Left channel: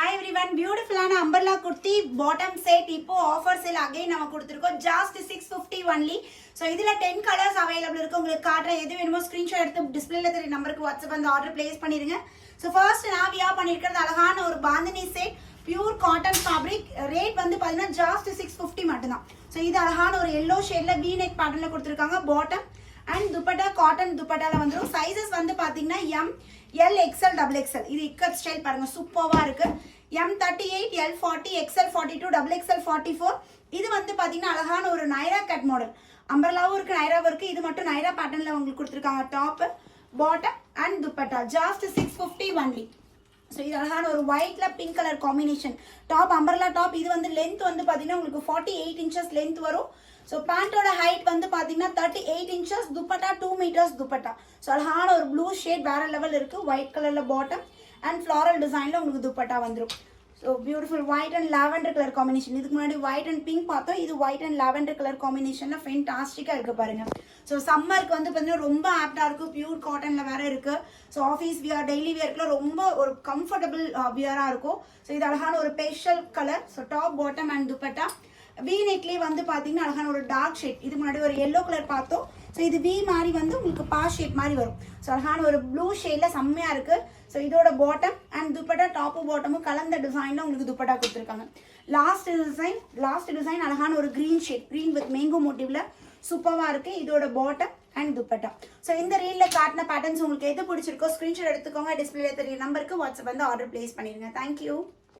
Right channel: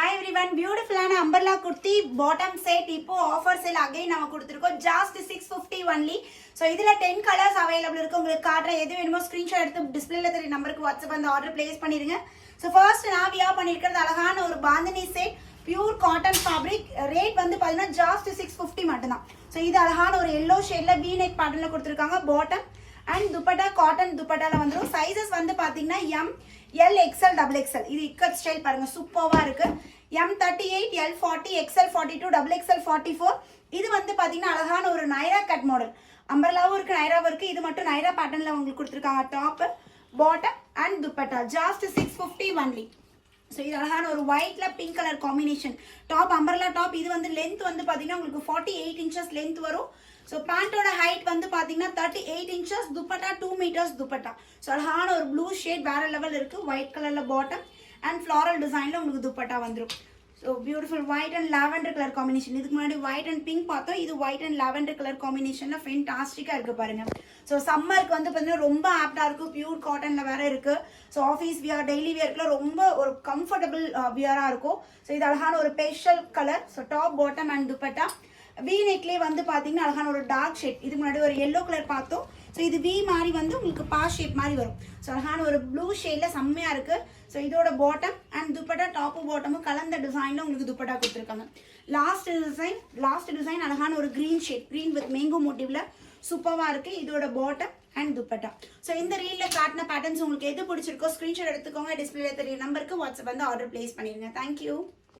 Hi everyone, beautiful umbrella kurti bottom set ipo offer sale again nama kuduthirukkom just 650 only. So idhula 10 colors available irukku ungalku kaatra edhu venumo screenshot eduthu display la theri number ku WhatsApp and order place pannirunga. So first na wear pannirukkiradhu alagana oru bandhani set pure cotton fabric rate vandu pathina just 650 mattum. So idu alagana oru yellow shade la v neck pattern la kuduthirukanga bottom and dupatta cotton dupatta la vandrum. Sizes vandu pathina M L XL double XL இது ikat style பாருங்க சூப்பர்வா இருக்கு. M38 L40 XL42 double XL 44 இது வந்து பாத்தீங்கன்னா அழகான ஒரு Naira cut model அம்பர்லாவும் இருக்கு நைராவும் இருக்கு. இது மட்டும் நைரா பேட்டர்ன்ல உங்களுக்கு கொடுத்திருக்காங்க. Top bottom and dupatta just 650 only. So இது அழகான ஒரு ஒயிட்ல pink colour combination top umbrella top. இது வந்து லென்த் வந்து பாத்தீங்கன்னா உங்களுக்கு 48 inches லென்த் வரும். ஸோ பேண்டோட ஹைட் வந்து பார்த்தீங்கன்னா 38 inches dupatta 2 meters dupatta. So அழகான ஒரு ப்ளூ ஷேட் வேற லெவல் இருக்கு. ஒயிட் கலர்ல பாட்டம் அண்ட் ஃப்ளாரல் டிசைன்ல உங்களுக்கு துப்பட்டா வந்துடும். So beautiful white and lavender colour combination. இதுக்கு முன்னாடி ஒயிட் அண்ட் பிங்க் பார்த்தோம். இது ஒயிட் அண்ட் லாவெண்டர் கலர் காம்பினேஷன்ல ஃபென்டாஸ்டிக்கா இருக்கு பாருங்க. ஸோ சம்மருக்கு வந்து பார்த்தீங்கன்னா ரொம்ப ஆப்டா இருக்கு. பியூர் காட்டன்ல வேற இருக்கு. ஸோ ஆஃபீஸ் வியர் டெய்லி வியர்க்குலாம் ரொம்ப ஒரு கம்ஃபர்டபுள் வியரா இருக்கும். ஸோ இது அழகான ஒரு pastel colour. So top bottom and dupatta V நெக்லேயே வந்து பாத்தீங்கன்னா அழகான ஒரு டார்க் ஷேட். இதுக்கு முன்னாடி ஒரு எல்லோ கலர் பார்த்தோம். ஸோ இது வி மாதிரி வந்து உங்களுக்கு பா ஷேப் மாதிரி வரும். ஸோ அழகான ஒரு ப்ளூ ஷேட்ல செம்மையா இருக்கு. ஸோ இதோட பாட்டம் அண்ட் துப்பட்டா டாப்பும் பாட்டமும் கலந்த டிசைன்ல உங்களுக்கு துப்பட்டா கொடுத்துருக்காங்க. லாஸ்ட் டிசைன் அழகான ஒரு green shade green with mango மோட்டிவ்ல சூப்பரா இருக்கு. இதோட பாட்டம் அண்ட் துப்பட்டா. ஸோ இந்த ரீல்ல காட்டின பேட்டர்ன்ஸ் உங்களுக்கு எது பிடிச்சிருக்கோ ஸ்கிரீன்ஷாட் எடுத்துக்கோங்க. டிஸ்பிளே தெரிய நம்பருக்கு வாட்ஸ்அப் வந்து ஆர்டர் பிளேஸ் பண்ணிருங்க. தேங்க்யூ.